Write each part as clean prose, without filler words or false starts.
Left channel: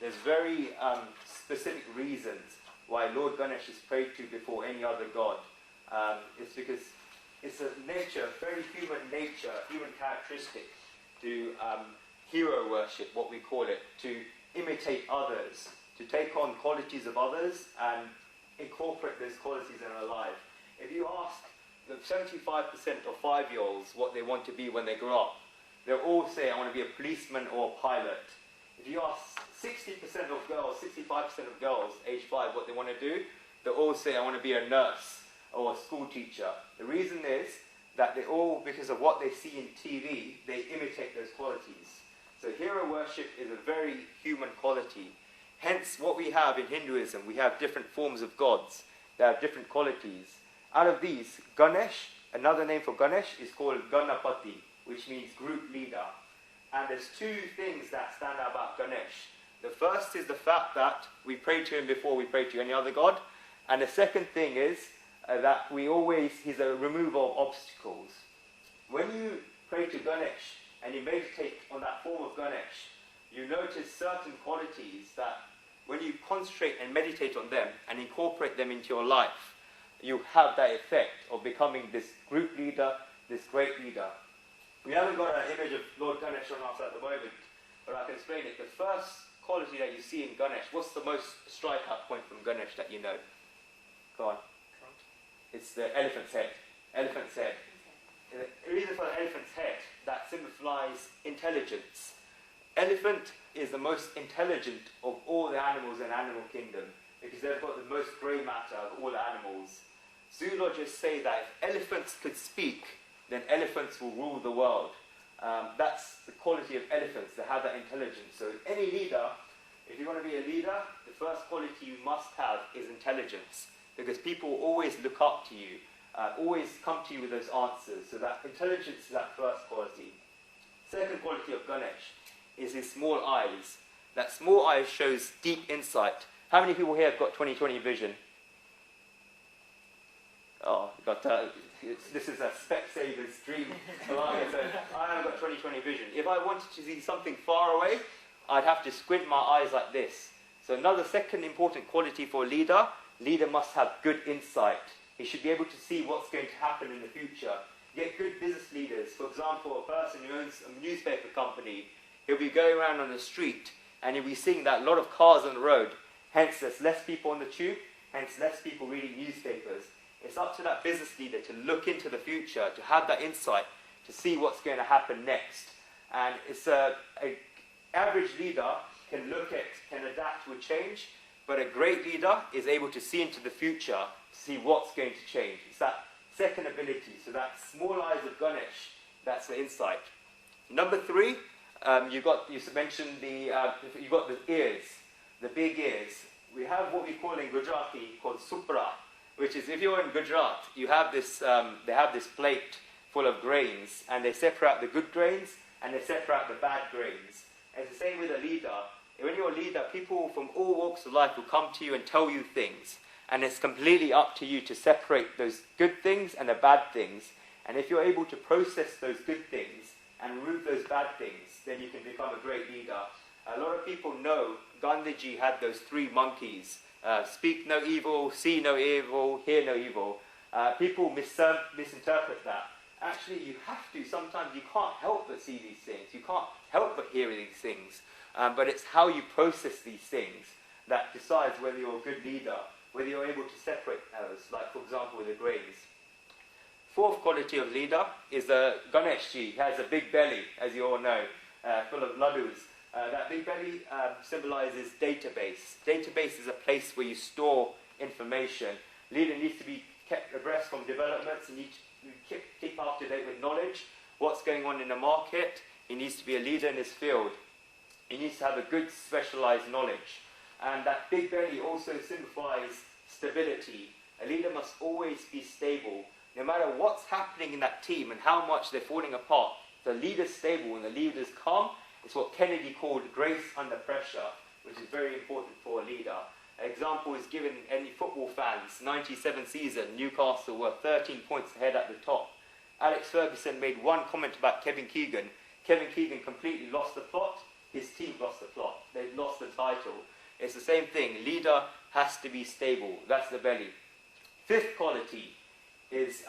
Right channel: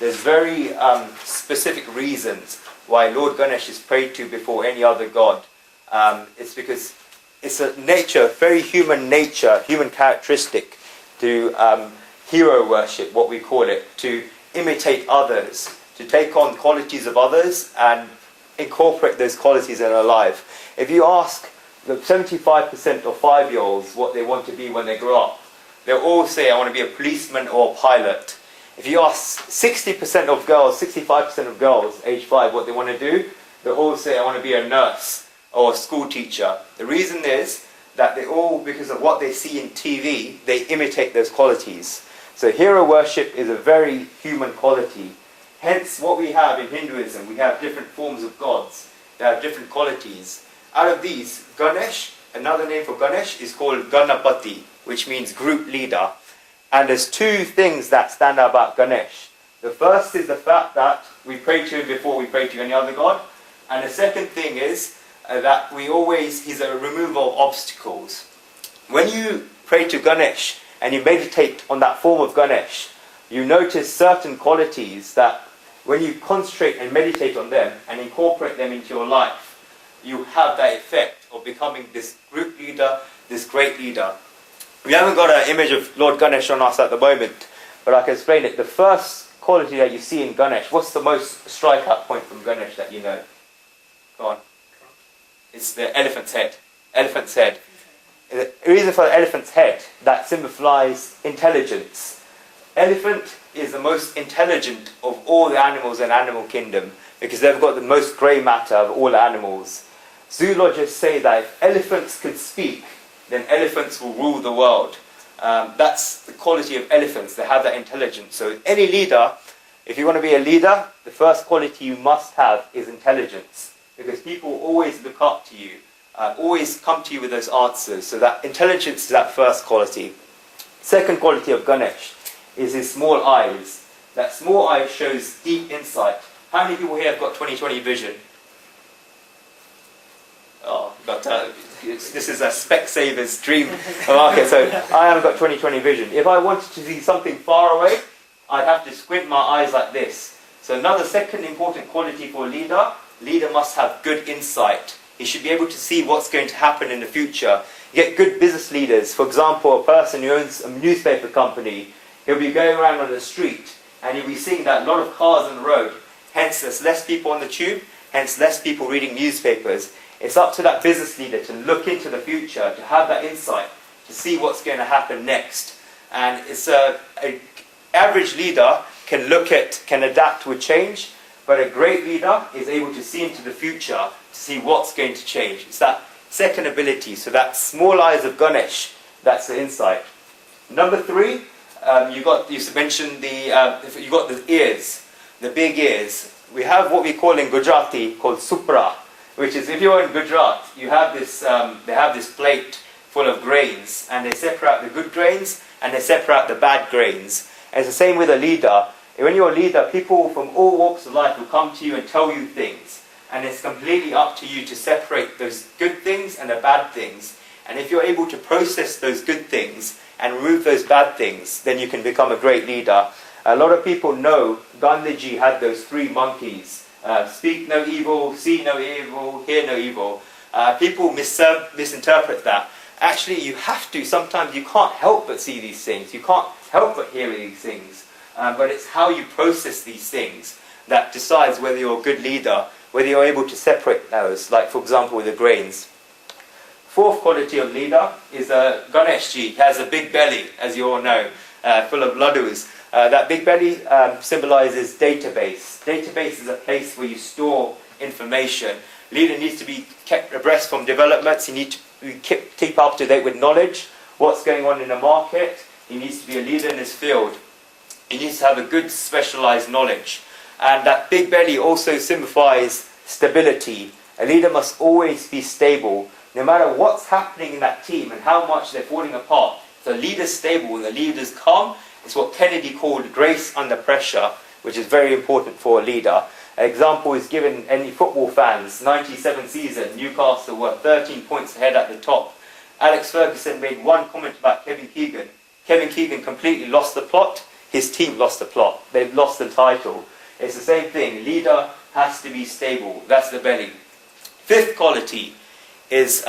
there's very specific reasons why Lord Ganesh is prayed to before any other god. It's because it's a nature, very human nature, human characteristic to hero worship, what we call it, to imitate others, to take on qualities of others and incorporate those qualities in our life. If you ask the 75% of 5-year-olds what they want to be when they grow up, they'll all say, I want to be a policeman or a pilot. If you ask 60% of girls, 65% of girls, age 5, what they want to do, they'll all say, I want to be a nurse or a school teacher. The reason is that they all, because of what they see in TV, they imitate those qualities. So hero worship is a very human quality. Hence, what we have in Hinduism, we have different forms of gods. They have different qualities. Out of these, Ganesh, another name for Ganesh, is called Ganapati, which means group leader. And there's two things that stand out about Ganesh. The first is the fact that we pray to him before we pray to any other god. And the second thing is that he's a remover of obstacles. When you pray to Ganesh and you meditate on that form of Ganesh, you notice certain qualities that when you concentrate and meditate on them and incorporate them into your life, you have that effect of becoming this group leader, this great leader. We haven't got an image of Lord Ganesh on us at the moment, but I can explain it. The first quality that you see in Ganesh, what's the most strikeout point from Ganesh that you know? Go on. It's the elephant's head. Elephant's head. The reason for the elephant's head, that signifies intelligence. Elephant is the most intelligent of all the animals in animal kingdom because they've got the most grey matter of all the animals. Zoologists say that if elephants could speak, then elephants will rule the world. That's the quality of elephants. They have that intelligence. So any leader, if you want to be a leader, the first quality you must have is intelligence. Because people always look up to you, always come to you with those answers. So that intelligence is that first quality. Second quality of Ganesh is his small eyes. That small eye shows deep insight. How many people here have got 20/20 vision? Oh, this is a Specsaver's dream. Okay, so I haven't got 20/20 vision. If I wanted to see something far away, I'd have to squint my eyes like this. So another second important quality for a leader must have good insight. He should be able to see what's going to happen in the future. You get good business leaders. For example, a person who owns a newspaper company, he'll be going around on the street and he'll be seeing that a lot of cars on the road. Hence, there's less people on the tube, hence less people reading newspapers. It's up to that business leader to look into the future, to have that insight, to see what's going to happen next. And it's an average leader can adapt with change, but a great leader is able to see into the future, to see what's going to change. It's that second ability. So that small eyes of Ganesh, that's the insight. Number 3, you mentioned you got the ears, the big ears. We have what we call in Gujarati called supra, which is if you're in Gujarat, you have this. They have this plate full of grains, and they separate out the good grains and they separate out the bad grains. And it's the same with a leader. When you're a leader, people from all walks of life will come to you and tell you things. And it's completely up to you to separate those good things and the bad things. And if you're able to process those good things and remove those bad things, then you can become a great leader. A lot of people know Gandhiji had those 3 monkeys. Speak no evil, see no evil, hear no evil. People misinterpret that. Actually, you have to. Sometimes you can't help but see these things. You can't help but hear these things. But it's how you process these things that decides whether you're a good leader, whether you're able to separate those, like for example with the grains. Fourth quality of leader is Ganeshji. He has a big belly, as you all know, full of laddus. That big belly symbolizes database. Database is a place where you store information. Leader needs to be kept abreast from developments. He needs to keep up to date with knowledge, what's going on in the market. He needs to be a leader in his field. He needs to have a good specialized knowledge. And that big belly also signifies stability. A leader must always be stable, no matter what's happening in that team and how much they're falling apart. If the leader's stable and the leader's calm, it's what Kennedy called grace under pressure, which is very important for a leader. An example is given any football fans. 97 season, Newcastle were 13 points ahead at the top. Alex Ferguson made one comment about Kevin Keegan. Kevin Keegan completely lost the plot. his team lost the plot. They've lost the title. It's the same thing. Leader has to be stable. That's the belly. Fifth quality is,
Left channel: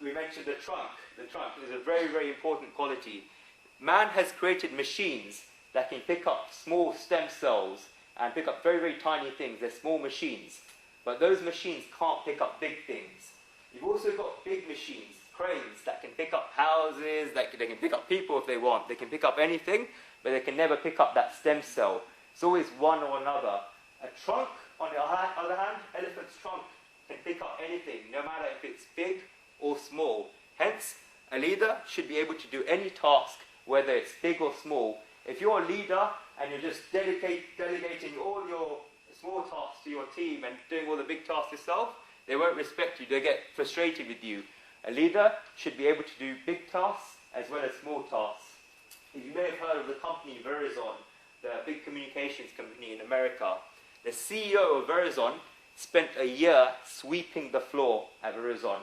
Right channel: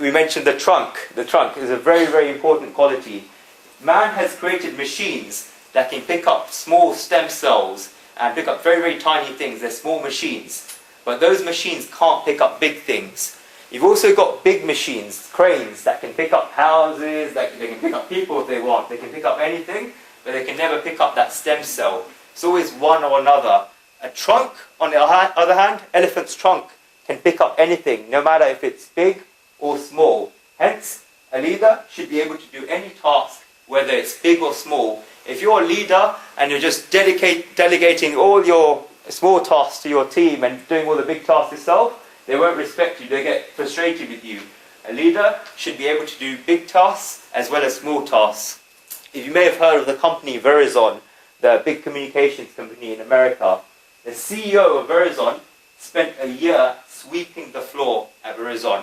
we mentioned the trunk. The trunk is a very, very important quality. Man has created machines that can pick up small stem cells and pick up very, very tiny things. They're small machines. But those machines can't pick up big things. You've also got big machines, cranes, that can pick up houses, they can pick up people if they want. They can pick up anything, but they can never pick up that stem cell. It's always one or another. A trunk, on the other hand, elephant's trunk can pick up anything, no matter if it's big or small. Hence, a leader should be able to do any task, whether it's big or small. If you're a leader and you're just delegating all your small tasks to your team and doing all the big tasks yourself, they won't respect you, they get frustrated with you. A leader should be able to do big tasks as well as small tasks. If you may have heard of the company Verizon, the big communications company in America, the CEO of Verizon spent a year sweeping the floor at Verizon.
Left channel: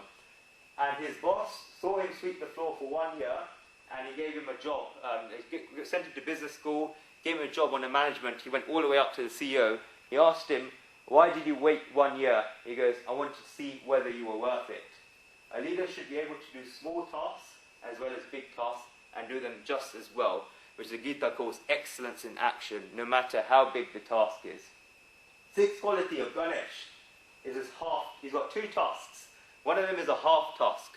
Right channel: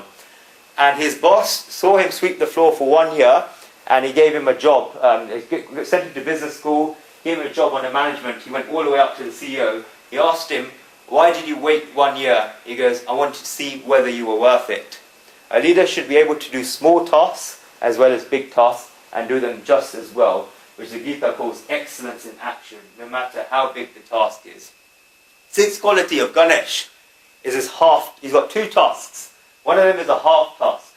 And his boss saw him sweep the floor for 1 year, and he gave him a job. He sent him to business school, gave him a job on the management. He went all the way up to the CEO. He asked him, "Why did you wait 1 year?" He goes, "I wanted to see whether you were worth it." A leader should be able to do small tasks as well as big tasks and do them just as well, which the Gita calls excellence in action, no matter how big the task is. Sixth quality of Ganesh is he's got two tusks. One of them is a half-tusk.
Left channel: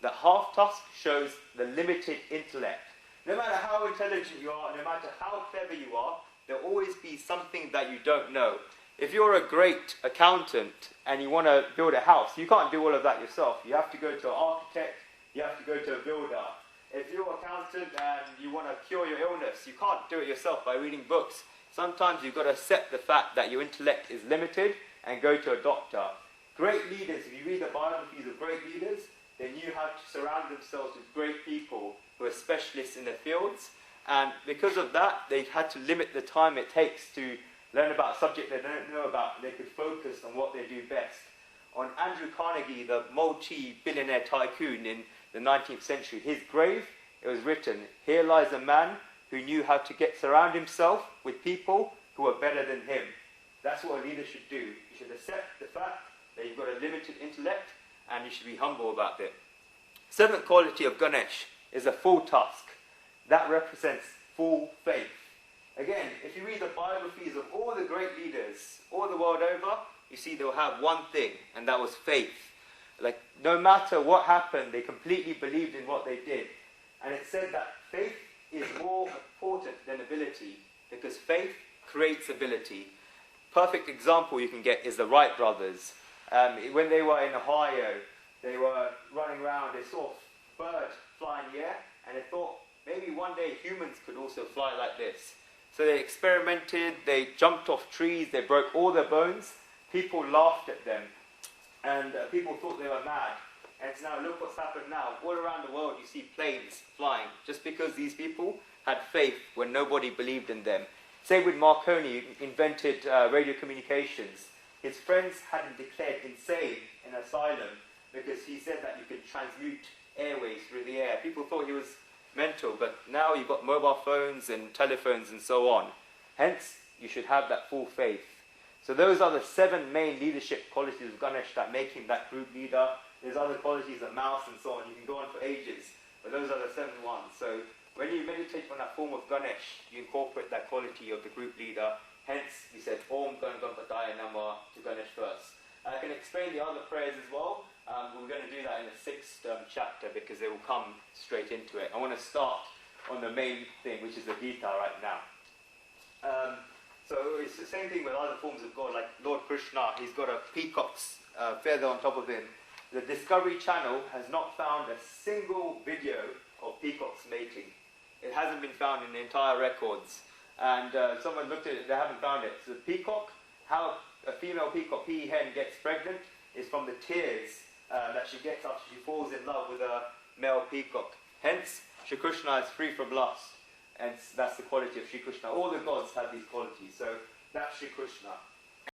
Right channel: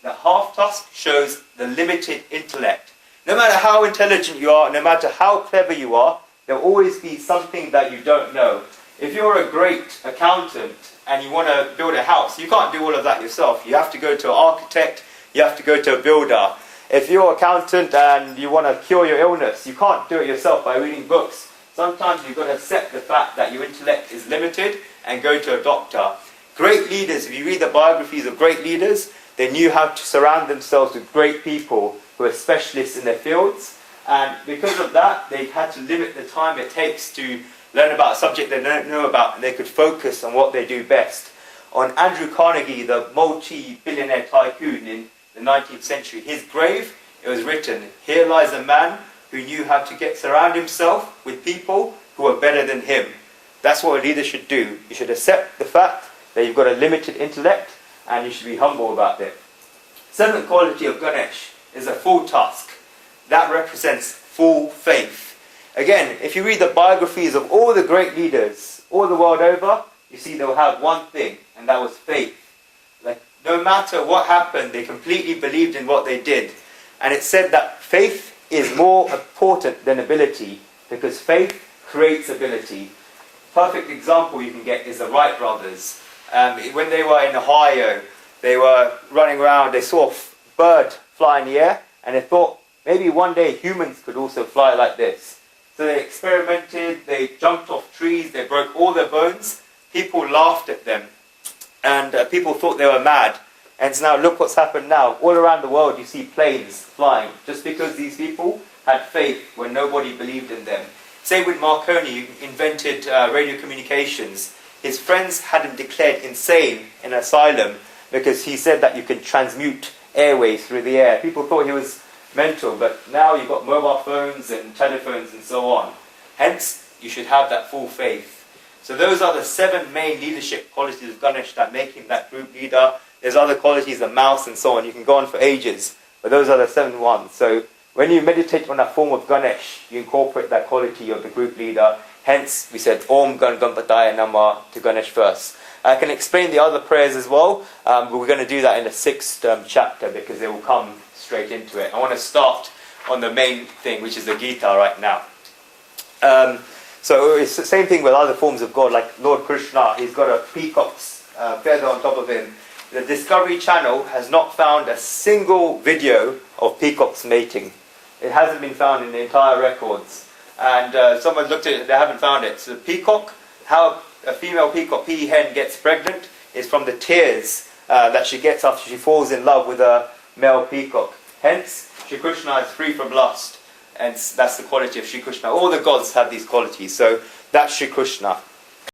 The half-tusk shows the limited intellect. No matter how intelligent you are, no matter how clever you are, there will always be something that you don't know. If you're a great accountant and you want to build a house, you can't do all of that yourself. You have to go to an architect, you have to go to a builder. If you're an accountant and you want to cure your illness, you can't do it yourself by reading books. Sometimes you've got to accept the fact that your intellect is limited and go to a doctor. Great leaders, if you read the biographies of great leaders, they knew how to surround themselves with great people who are specialists in their fields. And because of that, they had to limit the time it takes to learn about a subject they don't know about, and they could focus on what they do best. On Andrew Carnegie, the multi-billionaire tycoon in the 19th century, his grave, it was written, "Here lies a man who knew how to surround himself with people who are better than him." That's what a leader should do. You should accept the fact that you've got a limited intellect, and you should be humble about it. Seventh quality of Ganesh is a full tusk. That represents full faith. Again, if you read the biographies of all the great leaders all the world over, you see they'll have one thing, and that was faith. Like, no matter what happened, they completely believed in what they did. And it said that faith is more important than ability, because faith creates ability. Perfect example you can get is the Wright Brothers. When they were in Ohio, they were running around, they saw a bird fly in the air, and they thought, maybe one day humans could also fly like this. So they experimented, they jumped off trees, they broke all their bones. People laughed at them, and people thought they were mad. And so now look what's happened now. All around the world you see planes flying, just because these people had faith when nobody believed in them. Same with Marconi, who invented radio communications. His friends had him declared insane in an asylum because he said that you can transmute airwaves through the air. People thought he was mental, but now you've got mobile phones and telephones and so on. Hence, you should have that full faith. So those are the 7 main leadership qualities of Ganesh that make him that group leader. There's other qualities, the mouse and so on. You can go on for ages, but those are the 7 ones. So when you meditate on that form of Ganesh, you incorporate that quality of the group leader. Hence, we said Om Gan Ganpataya Namah to Ganesh first. I can explain the other prayers as well, but we're going to do that in the 6th chapter because they will come straight into it. I want to start on the main thing, which is the Gita right now. So it's the same thing with other forms of God, like Lord Krishna. He's got a peacock's feather on top of him. The Discovery Channel has not found a single video of peacocks mating. It hasn't been found in the entire records. And someone looked at it, they haven't found it. So the peacock, how a female peacock, peahen, gets pregnant is from the tears that she gets after she falls in love with a male peacock. Hence, Shri Krishna is free from lust. And that's the quality of Shri Krishna. All the gods have these qualities. So that's Shri Krishna.